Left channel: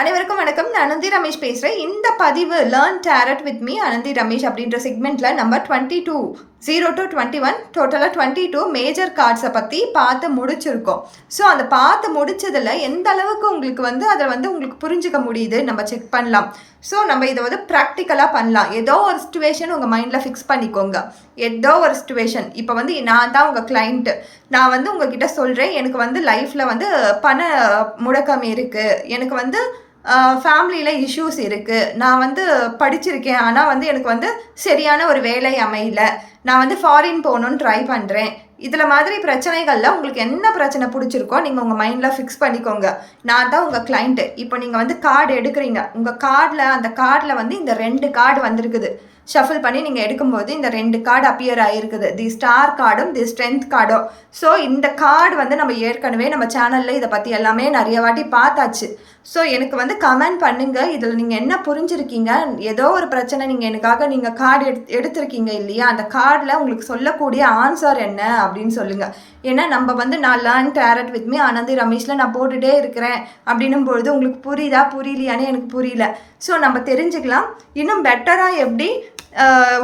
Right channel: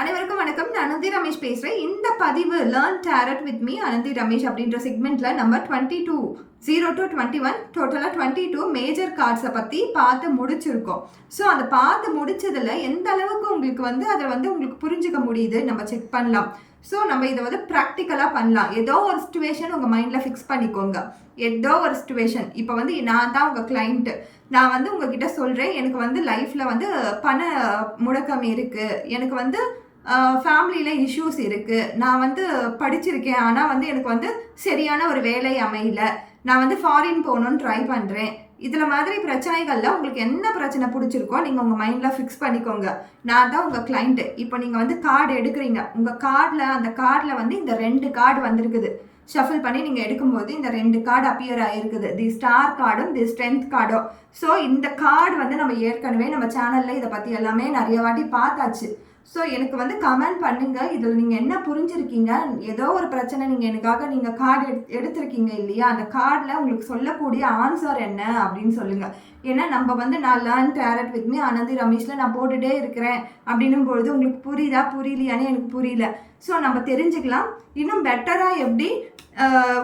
அனைவருக்கும் வணக்கம். நான் அனந்தி ரமேஷ் பேசுறேன். இந்த பதிவு learn tarot with me Ananthi Ramesh அப்படின்ற செக்மெண்ட்ல நம்பர் 22 0 to 21 டோட்டலாக 22 மேஜர் கார்ட்ஸை பற்றி பார்த்து முடிச்சிருக்கோம். ஸோ அந்த பார்த்து முடிச்சதில் எந்த அளவுக்கு உங்களுக்கு அதை உங்களுக்கு புரிஞ்சுக்க முடியுது நம்ம செக் பண்ணலாம். ஸோ நம்ம இதை ப்ராக்டிக்கலாக பண்ணலாம். ஏதோ ஒரு சிச்சுவேஷன் உங்கள் மைண்டில் ஃபிக்ஸ் பண்ணிக்கோங்க. ஏதோ ஒரு சிச்சுவேஷன் இப்போ நான் தான் உங்கள் கிளைண்ட்டு. நான் உங்ககிட்ட சொல்கிறேன், எனக்கு லைஃப்பில் பண முடக்கம் இருக்குது, எனக்கு ஃபேமிலியில் இஷ்யூஸ் இருக்குது, நான் படிச்சிருக்கேன், ஆனால் எனக்கு சரியான ஒரு வேலை அமையல, நான் ஃபாரின் போகணுன்னு ட்ரை பண்ணுறேன். இதில் மாதிரி பிரச்சனைகளில் உங்களுக்கு என்ன பிரச்சனை பிடிச்சிருக்கோ நீங்கள் உங்கள் மைண்டில் ஃபிக்ஸ் பண்ணிக்கோங்க. நான் தான் உங்கள் கிளைண்ட்டு. இப்போ நீங்கள் கார்டு எடுக்கிறீங்க. உங்கள் அந்த கார்டில் இந்த 2 கார்டு வந்திருக்குது. ஷஃபில் பண்ணி நீங்கள் எடுக்கும்போது இந்த 2 கார்டு அப்பியர் ஆகிருக்குது. தி ஸ்டார் கார்டும் தி ஸ்ட்ரென்த் கார்டும். ஸோ இந்த கார்டு நம்ம ஏற்கனவே நம்ம சேனலில் இதை பற்றி எல்லாமே நிறைய வாட்டி பார்த்தாச்சு. ஸோ எனக்கு கமெண்ட் பண்ணுங்கள், இதில் நீங்கள் என்ன புரிஞ்சுருக்கீங்க, ஏதோ ஒரு பிரச்சனை நீங்கள் கார்டு எடுத்திருக்கீங்க இல்லையா, அந்த கார்டில் உங்களுக்கு சொல்லக்கூடிய ஆன்சர் என்ன அப்படின்னு சொல்லுங்கள். ஏன்னா நம்ம நான் learn tarot with me Ananthi ரமேஷில் நான் போட்டுகிட்டே இருக்கிறேன் அப்படின்னும் பொழுது உங்களுக்கு புரியுதா புரியலையானே எனக்கு புரியல. ஸோ நம்ம தெரிஞ்சுக்கலாம், இன்னும் பெட்டராக எப்படி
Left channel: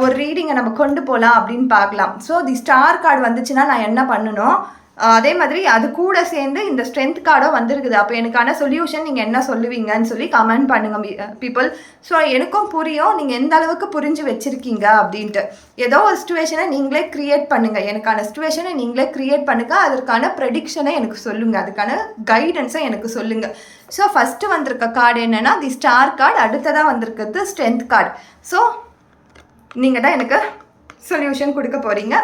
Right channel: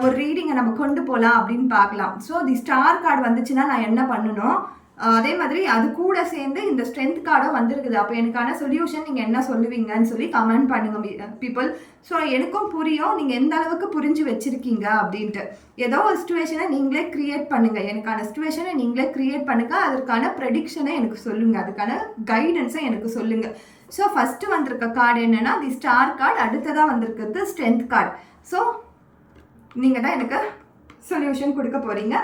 ஒரு ரீடிங்கை நம்ம கொண்டு போகலாம் அப்படின்னு பார்க்கலாம். ஸோ தி ஸ்டார் கார்டு வந்துச்சுன்னா நான் என்ன பண்ணணும், அதே மாதிரி அது கூட சேர்ந்து இந்த ஸ்ட்ரென்த் கார்டும் வந்திருக்குது. அப்போ எனக்கான சொல்யூஷன் நீங்கள் என்ன சொல்லுவீங்கன்னு சொல்லி கமெண்ட் பண்ணுங்கள் பீப்புள். ஸோ எனக்கும் புரியும் நீங்கள் எந்த அளவுக்கு புரிஞ்சு வச்சுருக்கீங்க அப்படின்ட்டு. ஏதோ ஒரு சிச்சுவேஷனை நீங்களே க்ரியேட் பண்ணுங்கள். எனக்கான சிச்சுவேஷனை நீங்களே க்ரியேட் பண்ணுங்கள். அதற்கான ப்ரெடிக்ஷனை எனக்கு சொல்லுங்கள், அதுக்கான கைடன்ஸை எனக்கு சொல்லுங்கள். ஸோ ஃபஸ்ட்டு வந்திருக்க கார்டு என்னென்னா தி ஸ்டார் கார்டு, அடுத்ததாக வந்திருக்கிறது ஸ்ட்ரென்த் கார்டு. ஸோ நீங்கள் தான் எனக்கு சொல்யூஷன் கொடுக்க போகிறீங்க.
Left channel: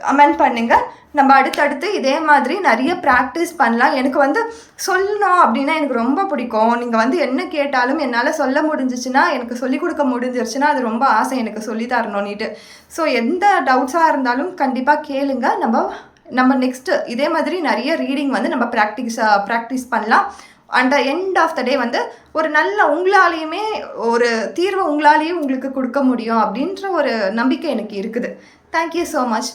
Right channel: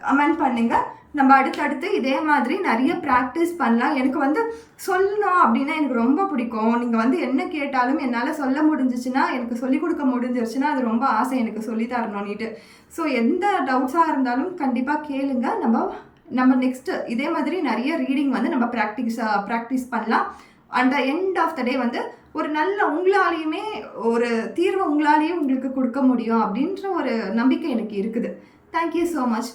கமெண்ட் பண்ணுங்கள். நம்ம அடுத்தடுத்து இதே மாதிரி நிறைய ப்ராக்டிஸ் பண்ணலாம். எனக்கு சொல்லணும் அப்படின்னா எனக்கு ரொம்ப பிடிக்கும். நீங்கள் என்ன கேட்டாலும் என்னால் சொல்ல முடிஞ்சிச்சுன்னா, எனக்கு சொல்லிக் கொடுக்க முடிஞ்சிருச்சுன்னா அது ரொம்ப ஆசை எனக்கு சொல்லி தரணும்னுட்டு. ஸோ எந்த டவுட்ஸாக இருந்தாலும் கண்டிப்பாக கேளுங்க. நம்ம நெக்ஸ்ட்டு இதே மாதிரி நிறைய ரீடிங் நம்ம ப்ராக்டிஸ் பண்ணலாம். அண்ட் எண்ட் ஆஃப் த டே ஒரு நல்ல உங்களாலேயுமே ஒரு தீர்வை உங்களாலேயும் உங்களுக்கு கொடுக்க முடியும் அப்படின்ற ஒரு நம்பிக்கை எனக்கு இருக்குது. Thank you so much.